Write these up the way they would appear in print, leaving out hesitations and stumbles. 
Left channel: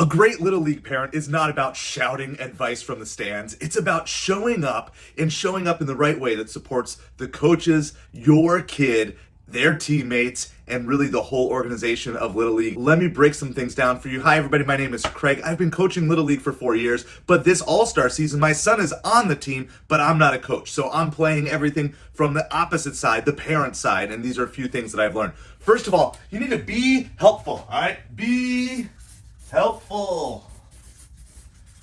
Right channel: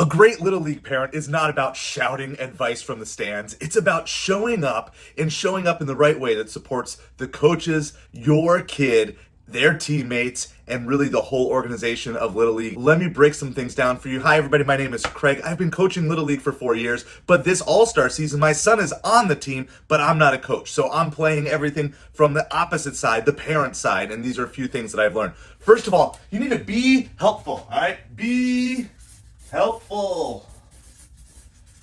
A great Little League parent is not about shouting advice from the stands. It's about showing up and showing up in the right way that supports the coaches, your kid, their teammates, and really the whole organization of Little League. Let me break some things down for you. Hi, everybody. My name is Craig. I've been coaching Little League for 4 years, but this All-Star season, my son is on the team, but I'm not a coach. So I'm playing everything from the opposite side, the parent side, and these are a few things that I've learned. First of all, you need to be helpful, all right? Be helpful.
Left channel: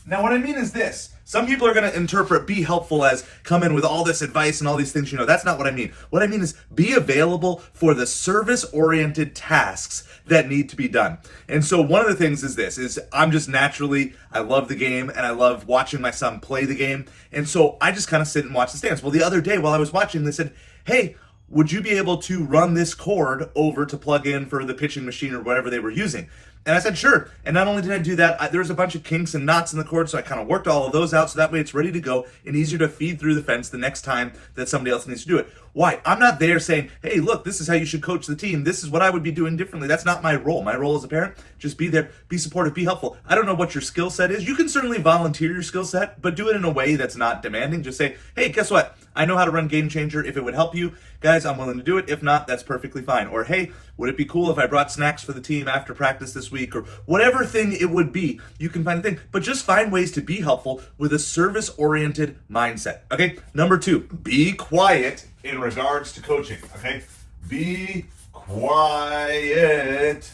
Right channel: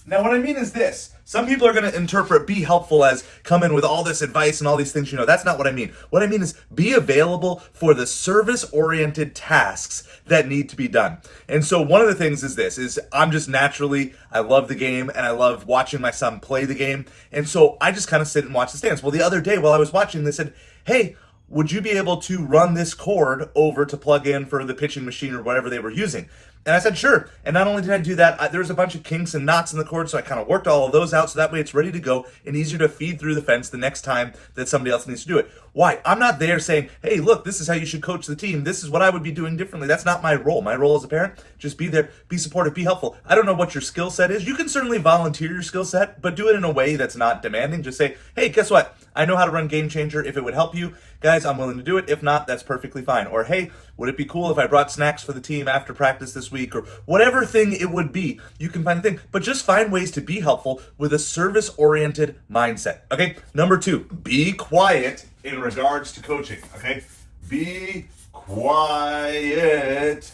Now, what I mean is this. Some people are going to interpret be helpful as come in with all this advice and all these things. That's not what I mean. What I mean is be available for the service-oriented tasks that need to be done. And so one of the things is this, is I'm just naturally, I love the game and I love watching my son play the game. And so I just kind of sit and watch the stands. Well, the other day while I was watching, they said, hey, would you be able to run this cord over to plug in for the pitching machine or whatever they were using? And I said, sure. And not only did I do that, there was a bunch of kinks and knots in the cord, so I kind of worked all of those out so that way it's ready to go and easier to feed through the fence the next time that somebody else needs to do it. Why? I'm not there saying, hey, look, this is how you should coach the team. This is what I would be doing differently. That's not my role. My role as a parent, just be there, be supportive, be helpful. I don't know what your skill set is. You can certainly volunteer your skill set, but do it in a way that's not demanding. Just say, hey, guess what? I know how to run Game Changer. If it would help you, guys, I'm willing to do it. If not, that's perfectly fine. Or, hey, would it be cool if I brought snacks for the team after practice this week? Or whatever thing it would be, you can find a thing. But just find ways to be helpful with a service-oriented mindset. Okay? Number 2, be quiet in regards to coaching. Okay? Be quiet.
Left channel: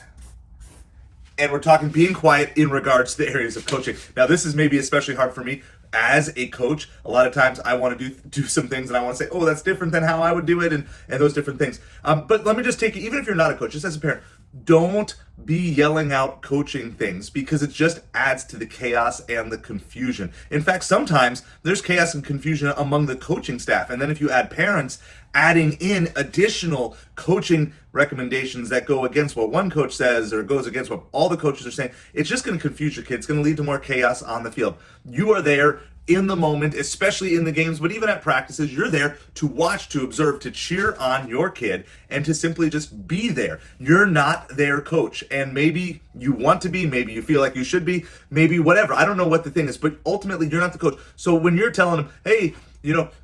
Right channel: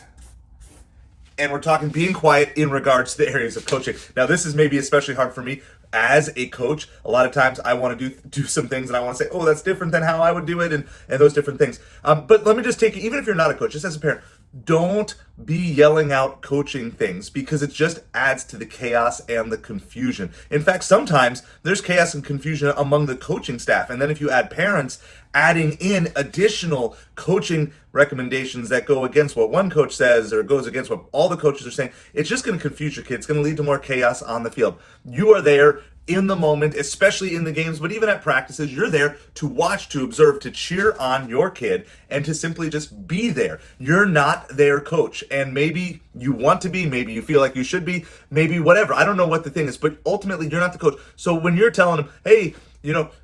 And we're talking being quiet in regards to the areas of coaching. Now, this is maybe especially hard for me. As a coach, a lot of times I want to do some things and I want to say, oh, that's different than how I would do it and those different things. But let me just take it, even if you're not a coach, just as a parent, don't be yelling out coaching things because it just adds to the chaos and the confusion. In fact, sometimes there's chaos and confusion among the coaching staff. And then if you add parents adding in additional coaching recommendations that go against what one coach says or goes against what all the coaches are saying, it's just going to confuse your kids. It's going to lead to more chaos on the field. You are there in the moment, especially in the games, but even at practices, you're there to watch, to observe, to cheer on your kid, and to simply just be there. You're not their coach, and maybe you want to be, maybe you feel like you should be, maybe whatever. I don't know what the thing is, but ultimately you're not the coach. So when you're telling them, hey,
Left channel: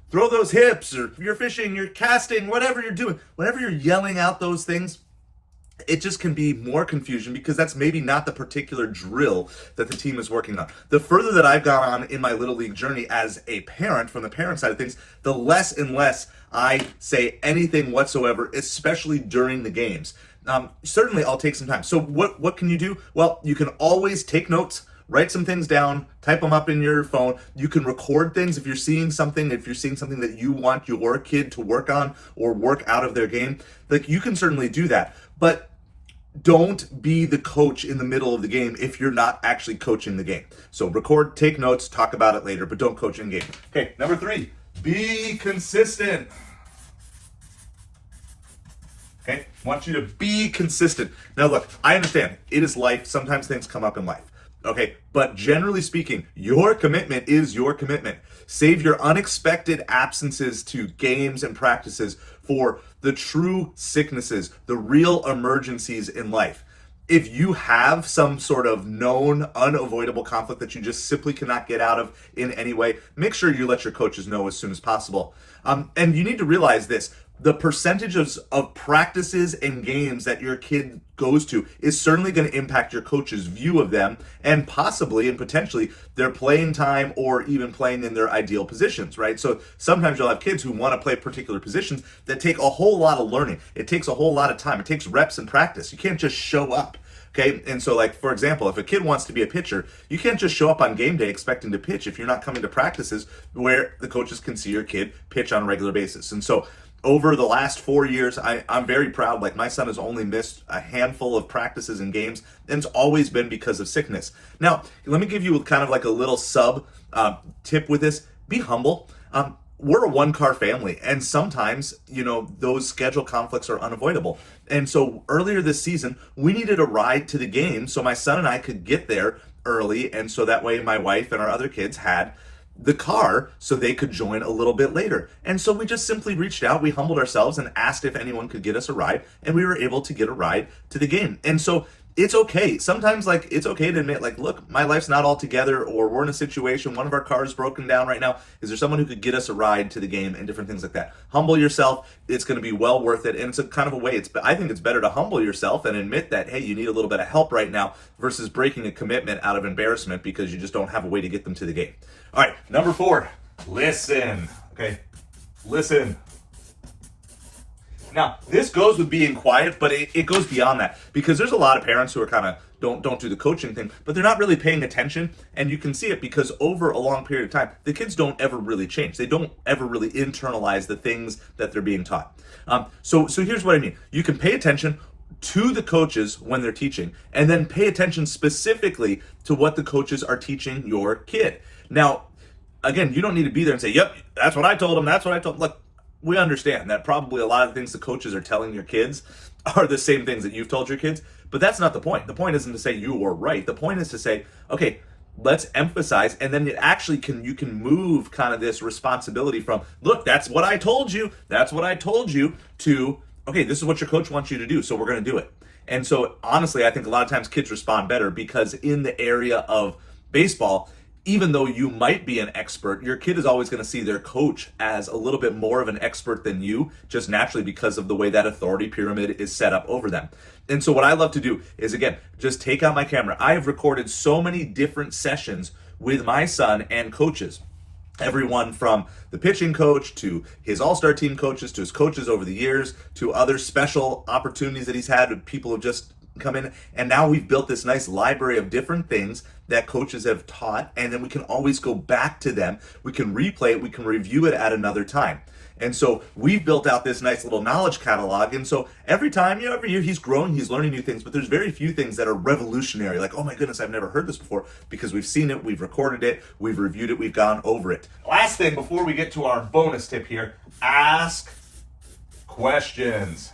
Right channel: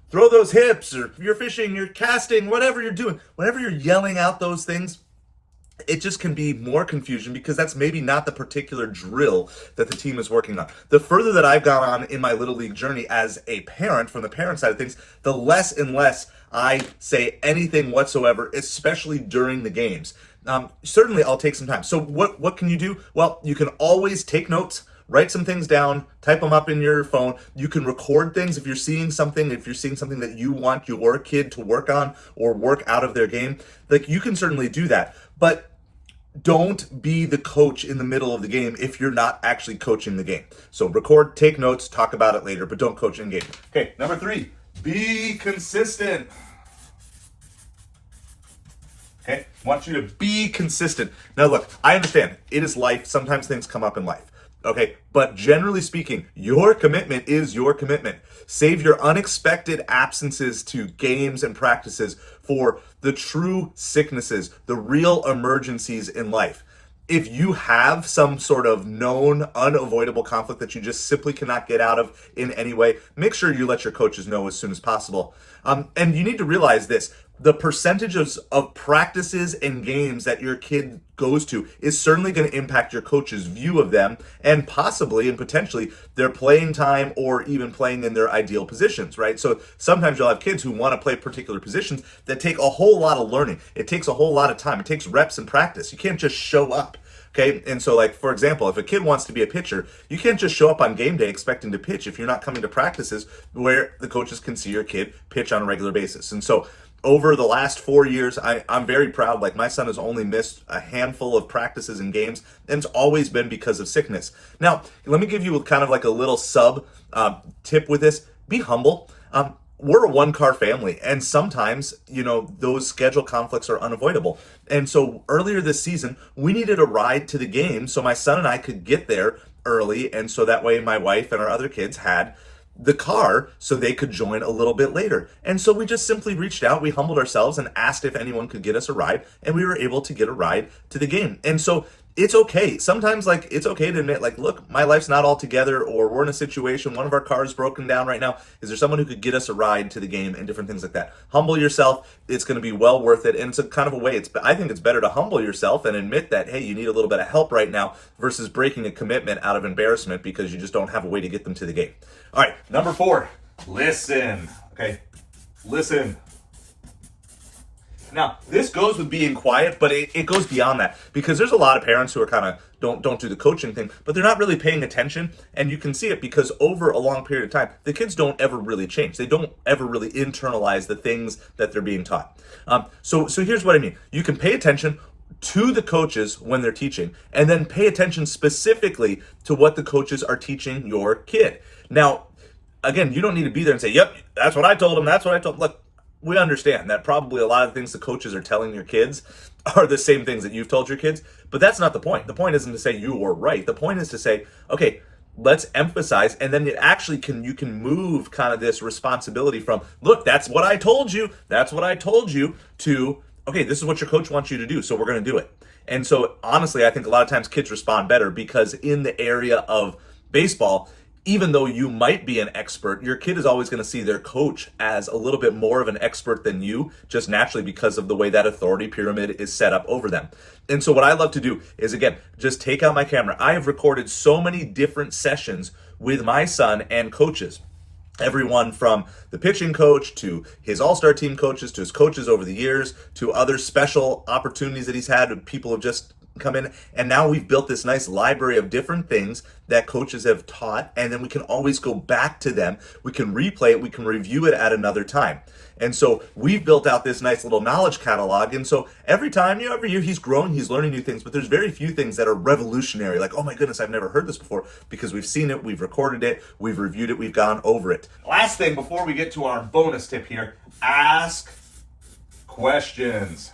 throw those hips, or you're fishing, you're casting, whatever you're doing, whenever you're yelling out those things, it just can be more confusion because that's maybe not the particular drill that the team is working on. The further that I've gone on in my Little League journey as a parent, from the parent side of things, the less and less I say anything whatsoever, especially during the games. Certainly, I'll take some time. So what can you do? Well, you can always take notes, write some things down, type them up in your phone. You can record things if you're seeing something that you want your kid to work on or work out of their game. Like, you can certainly do that. But don't be the coach in the middle of the game if you're not actually coaching the game. So record, take notes, talk about it later, but don't coach in game. Okay, number 3, be consistent. Okay, I want you to be consistent. Now look, I understand it is life. Sometimes things come up in life. Okay, but generally speaking, your commitment is your commitment. Save your unexpected absences to games and practices for the true sicknesses, the real emergencies in life. If you have some sort of known, unavoidable conflict that you just simply cannot get out of in any way, make sure you let your coaches know as soon as possible. And you need to realize this. The percentages of practices and games that your kid goes to is certainly going to impact your coach's view of them and possibly and potentially their playing time or even playing in their ideal positions, right? So sometimes you'll have kids who want to play particular positions that take a whole lot of learning. It takes a whole lot of time. It takes reps and practice. You can't just show up. Okay, and so like, for example, if a kid wants to be a pitcher, you can't just show up on game day expecting to pitch if you're not coming to practices where the coaches can see your kid pitch on a regular basis. And so over the last 4 years, I'm very proud. Like, my son has only missed a handful of practices and games, and it's always been because of sickness. Now, let me give you kind of like a little sub tip with this. Be humble. We're a one-car family, and sometimes, those schedule conflicts are unavoidable. And so earlier this season, we needed a ride to the game so my son and I could get there early, and so that way my wife and our other kids had the car so they could join a little bit later. And so we just simply reached out, we humbled ourselves and asked if anyone could get us a ride, and we were able to get a ride to the game. And so it's okay. Sometimes, like, it's okay to admit, like, look, my life's not all together, or we're in a situation, one of our cars broken down right now. Is there someone who could get us a ride to the game, and different things like that? Humble yourself. It's going to be well worth it. And it's a kind of a way, I think it's better to humble yourself and admit that, hey, you need a little bit of help right now versus breaking a commitment out of embarrassment because you just don't have a way to get them to the game. All right, number 4, listen. Okay, listen. Now, this goes with being quiet, but it goes beyond that, because there's a lot of parents who are kind of don't do the coaching thing, but they're not really paying attention, and you can see it because over a long period of time, the kids don't ever really change. They don't ever really internalize the things that they're being taught. So here's what I mean. You can pay attention to the coaches when they're teaching, and then pay attention specifically to what the coaches are teaching your kid. Now, again, you don't need to be there and say, yep, that's what I told them, that's what I told. Look, we understand that probably a lot of things the coaches are telling your kids are the same things that you've told your kids, but that's not the point. The point isn't to say you were right. The point is to say, okay, let's emphasize, and then you can move kind of this responsibility from, look, that's what I told you, to, okay, this is what your coach wants you to do, so we're going to do it. And so honestly, I think a lot of times kids respond better because in the area of baseball, even though you might be an expert, your kid is always going to see their coach as a little bit more of an expert than you, just naturally because of the way that authority pyramid is set up over them. And so what I love to do is, again, just take out my camera. I have recorded so many different sessions with my son and coaches. Everyone from the pitching coach to his all-star team coaches to his coaches over the years to other special opportunities that he's had with people who've just come in, and now we've built this nice library of different things that coaches have taught, and then we can always go back to them. We can replay it, we can review it at another time. And so we've built out this nice little knowledge catalog, and so every time, every year he's growing, he's learning new things, but there's very few things that are revolutionary, like, oh my goodness, I've never heard this before, because we've seen it, we've recorded it, we've reviewed it, we've gone over it. Last thing before we get to our bonus tip here, ask questions.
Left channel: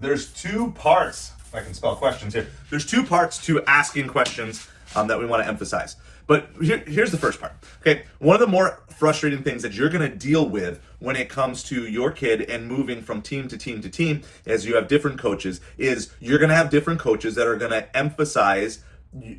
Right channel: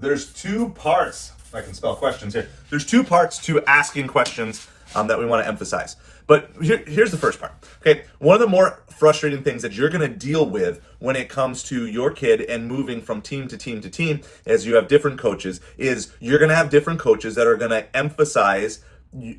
There's 2 parts, if I can spell questions here, there's 2 parts to asking questions that we want to emphasize. But here's the first part. Okay, one of the more frustrating things that you're going to deal with when it comes to your kid and moving from team to team to team, as you have different coaches, is you're going to have different coaches that are going to emphasize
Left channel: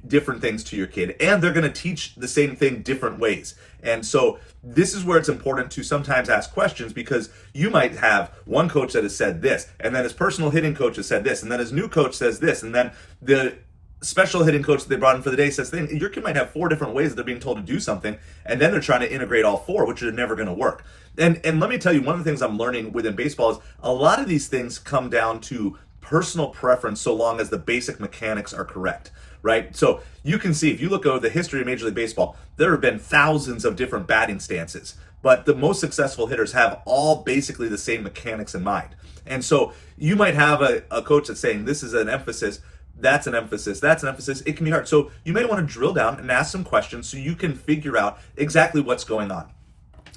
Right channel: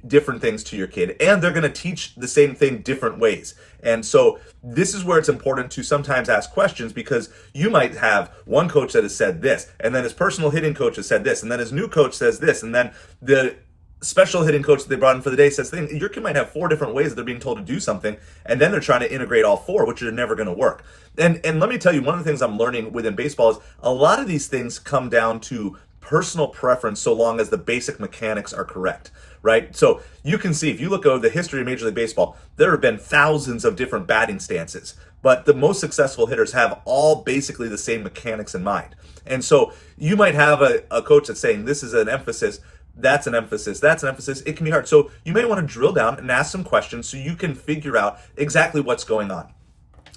different things to your kid, and they're going to teach the same thing different ways. And so this is where it's important to sometimes ask questions, because you might have one coach that has said this, and then his personal hitting coach has said this, and then his new coach says this, and then the special hitting coach that they brought in for the day says thing. Your kid might have 4 different ways that they're being told to do something, and then they're trying to integrate all 4, which are never going to work. And let me tell you, one of the things I'm learning within baseball is a lot of these things come down to personal preference, so long as the basic mechanics are correct, right? So you can see, if you look over the history of Major League Baseball, there have been thousands of different batting stances, but the most successful hitters have all basically the same mechanics in mind. And so you might have a coach that's saying, this is an emphasis, that's an emphasis, that's an emphasis. It can be hard. So you may want to drill down and ask some questions so you can figure out exactly what's going on.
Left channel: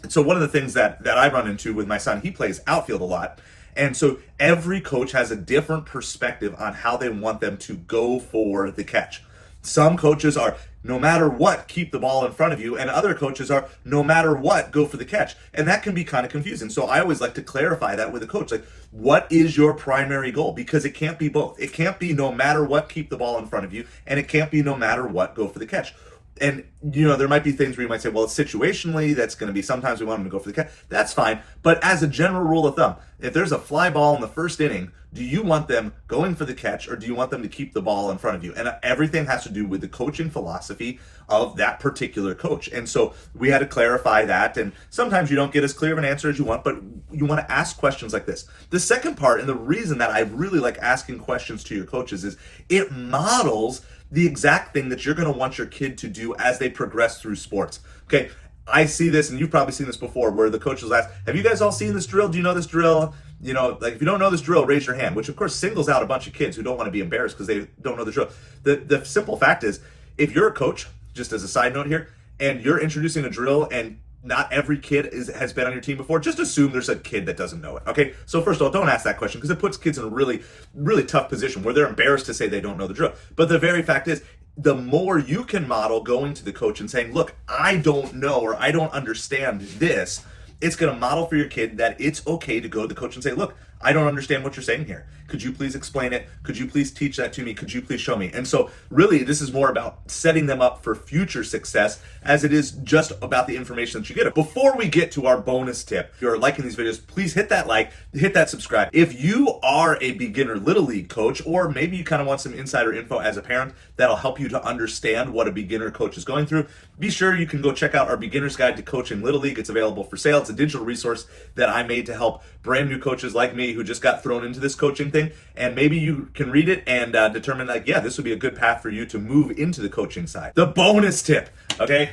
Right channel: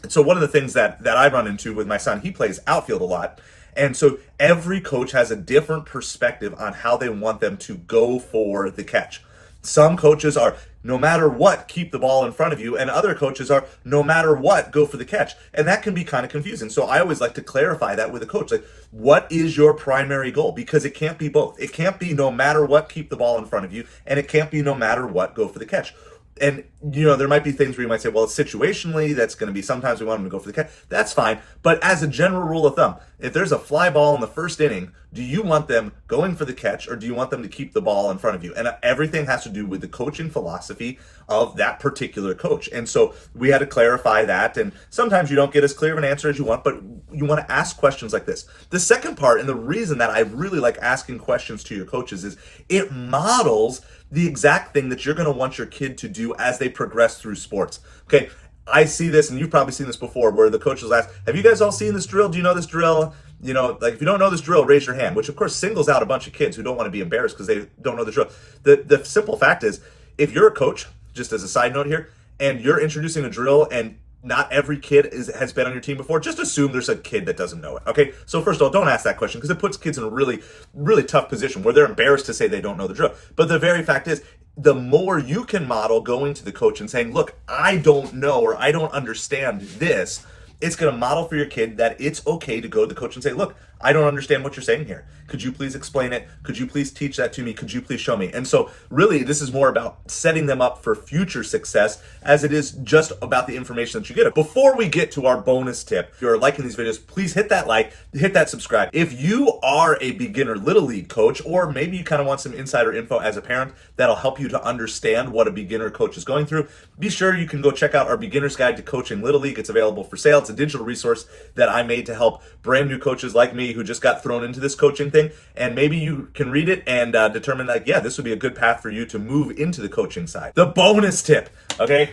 And so one of the things that I run into with my son, he plays outfield a lot. And so every coach has a different perspective on how they want them to go for the catch. Some coaches are, no matter what, keep the ball in front of you, and other coaches are, no matter what, go for the catch. And that can be kind of confusing. So I always like to clarify that with a coach. Like, what is your primary goal? Because it can't be both. It can't be no matter what, keep the ball in front of you, and it can't be no matter what, go for the catch. And, there might be things where you might say, well, situationally, that's going to be sometimes we want them to go for the catch. That's fine. But as a general rule of thumb, if there's a fly ball in the first inning, do you want them going for the catch, or do you want them to keep the ball in front of you? And everything has to do with the coaching philosophy of that particular coach. And so we had to clarify that. And sometimes you don't get as clear of an answer as you want, but you want to ask questions like this. The second part, and the reason that I really like asking questions to your coaches, is it models the exact thing that you're going to want your kid to do as they progress through sports. Okay, I see this, and you've probably seen this before, where the coaches ask, have you guys all seen this drill? Do you know this drill? Like, if you don't know this drill, raise your hand, which of course singles out a bunch of kids who don't want to be embarrassed because they don't know the drill. The simple fact is, if you're a coach, just as a side note here, and you're introducing a drill and not every kid has been on your team before, just assume there's a kid that doesn't know it, okay? So first of all, don't ask that question, because it puts kids in a really, really tough position where they're embarrassed to say they don't know the drill. But the very fact is, the more you can model going to the coach and saying, look, I don't know, or I don't understand this, it's going to model for your kid that it's okay to go to the coach and say, look, I don't understand what you're saying here. Could you please explain it? Could you please teach that to me? Could you please show me? And so really this is more about setting them up for future success as it is just about the information that you get. Before we get to our bonus tip, if you're liking these videos, please hit that like, hit that subscribe. If you are a beginner Little League coach, or maybe you kind of want some insider info as a parent that'll help you to understand what a beginner coach is going through, be sure you can go check out our Beginner's Guide to Coaching Little League. It's available for sale. It's a digital resource that I made to help brand new coaches like me who just got thrown into this coaching thing. And maybe you can read it and determine that, yeah, this would be a good path for you to move into the coaching side. The bonus tip, okay?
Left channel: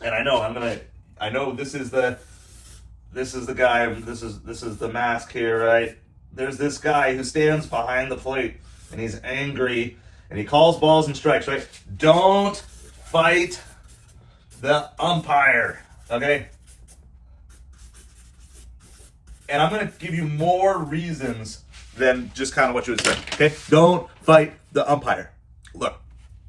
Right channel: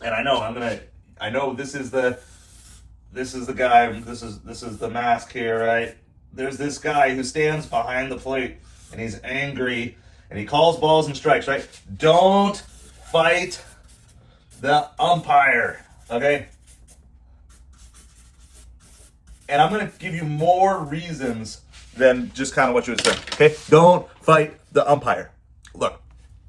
And I know this is the guy, this is the mask here, right? There's this guy who stands behind the plate and he's angry and he calls balls and strikes, right? Don't fight the umpire, okay? And I'm going to give you more reasons than just kind of what you would say, okay? Don't fight the umpire. Look,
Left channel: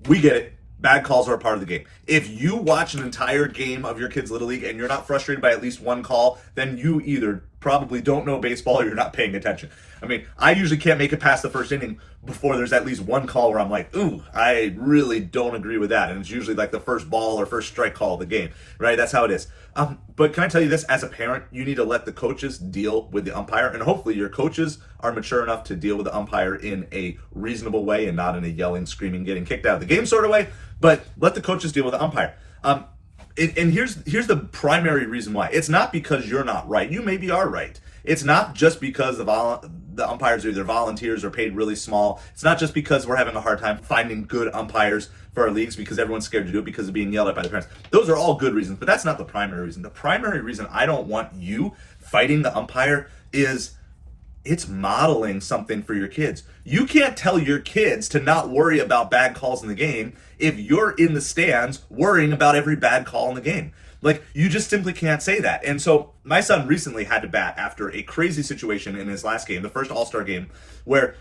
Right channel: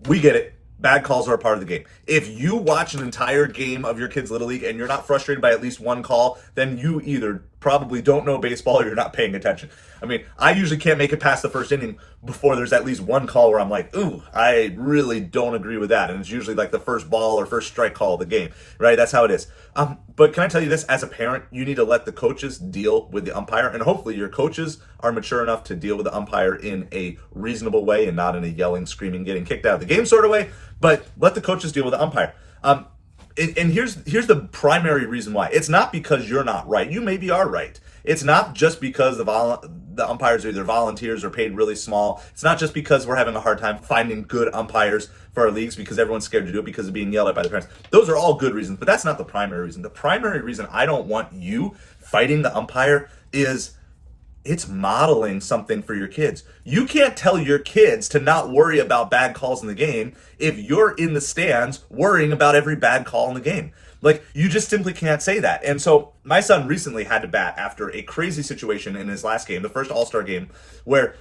we get it. Bad calls are a part of the game. If you watch an entire game of your kids' Little League and you're not frustrated by at least one call, then you either probably don't know baseball or you're not paying attention. I mean, I usually can't make it past the first inning before there's at least one call where I'm like, ooh, I really don't agree with that. And it's usually like the first ball or first strike call of the game, right? That's how it is. But can I tell you this, as a parent, you need to let the coaches deal with the umpire, and hopefully your coaches are mature enough to deal with the umpire in a reasonable way and not in a yelling, screaming, getting kicked out of the game sort of way, but let the coaches deal with the umpire. And here's the primary reason why. It's not because you're not right. You maybe are right. It's not just because the umpires are either volunteers or paid really small. It's not just because we're having a hard time finding good umpires for our leagues because everyone's scared to do it because of being yelled at by the parents. Those are all good reasons, but that's not the primary reason. The primary reason I don't want you fighting the umpire is it's modeling something for your kids. You can't tell your kids to not worry about bad calls in the game if you're in the stands worrying about every bad call in the game. Like, you just simply can't say that. And so my son recently had to bat after a crazy situation in his last game, the first All-Star game, where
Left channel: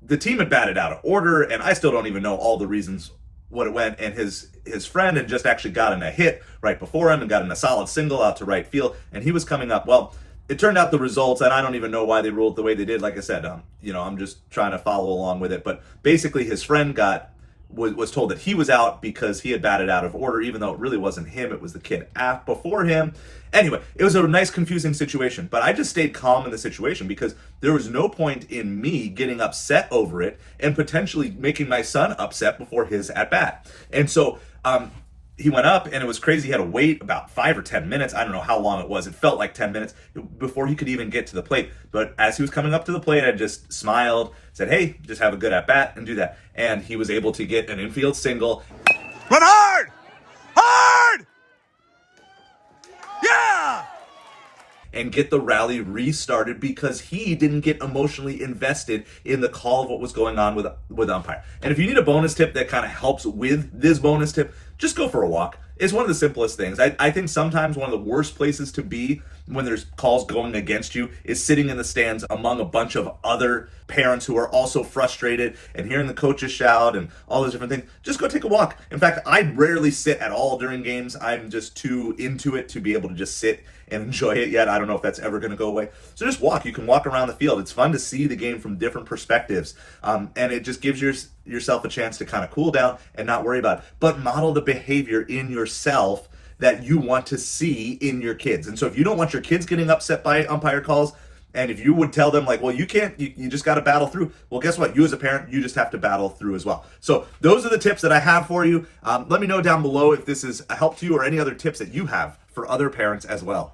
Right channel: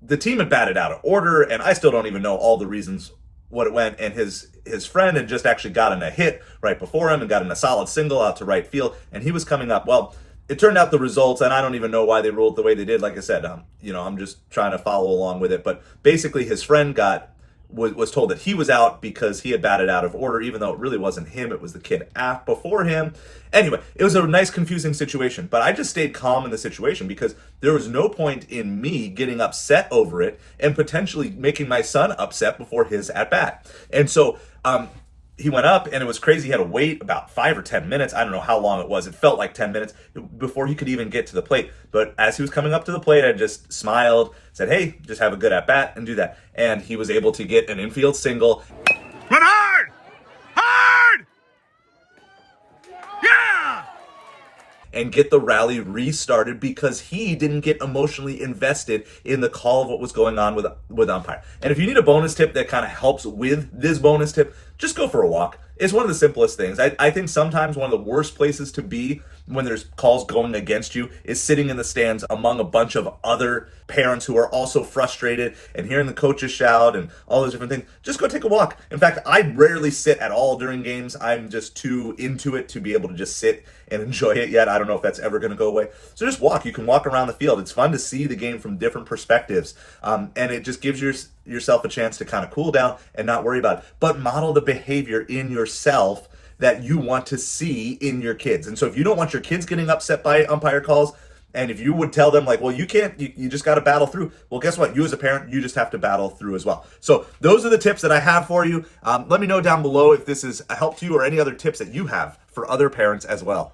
the team had batted out of order, and I still don't even know all the reasons what it went, and his friend had just actually gotten a hit right before him and gotten a solid single out to right field, and he was coming up. Well, it turned out the results, and I don't even know why they ruled the way they did. Like I said, I'm just trying to follow along with it. But basically, his friend was told that he was out because he had batted out of order, even though it really wasn't him. It was the kid before him. Anyway, it was a nice, confusing situation. But I just stayed calm in the situation because there was no point in me getting upset over it and potentially making my son upset before his at-bat. And so he went up, and it was crazy. He had to wait about 5 or 10 minutes. I don't know how long it was. It felt like 10 minutes before he could even get to the plate. But as he was coming up to the plate, I just smiled, said, hey, just have a good at-bat and do that. And he was able to get an infield single. Run hard! Hard! Yeah! And get the rally restarted because he didn't get emotionally invested in the call of what was going on with umpire. And if you need a bonus tip that kind of helps with this bonus tip, just go for a walk. It's one of the simplest things. I think sometimes one of the worst places to be when there's calls going against you is sitting in the stands among a bunch of other parents who are also frustrated and hearing the coaches shout and all those different things. Just go take a walk. In fact, I rarely sit at all during games. I'm just too into it to be able to just sit and enjoy it yet. I don't know if that's ever going to go away. So just walk. You can walk around the field. It's fun to see the game from different perspectives. And it just gives yourself a chance to kind of cool down and not worry about it. But model the behavior in yourself that you want to see in your kids. And so if you don't want your kids getting upset by umpire calls, and if you would tell them like, well, you can't, you just got to battle through. Well, guess what? You as a parent, you just have to battle through as well. So those are the tips that I have for you. Let me know down below if this has helped you or any other tips that you have for other parents as well.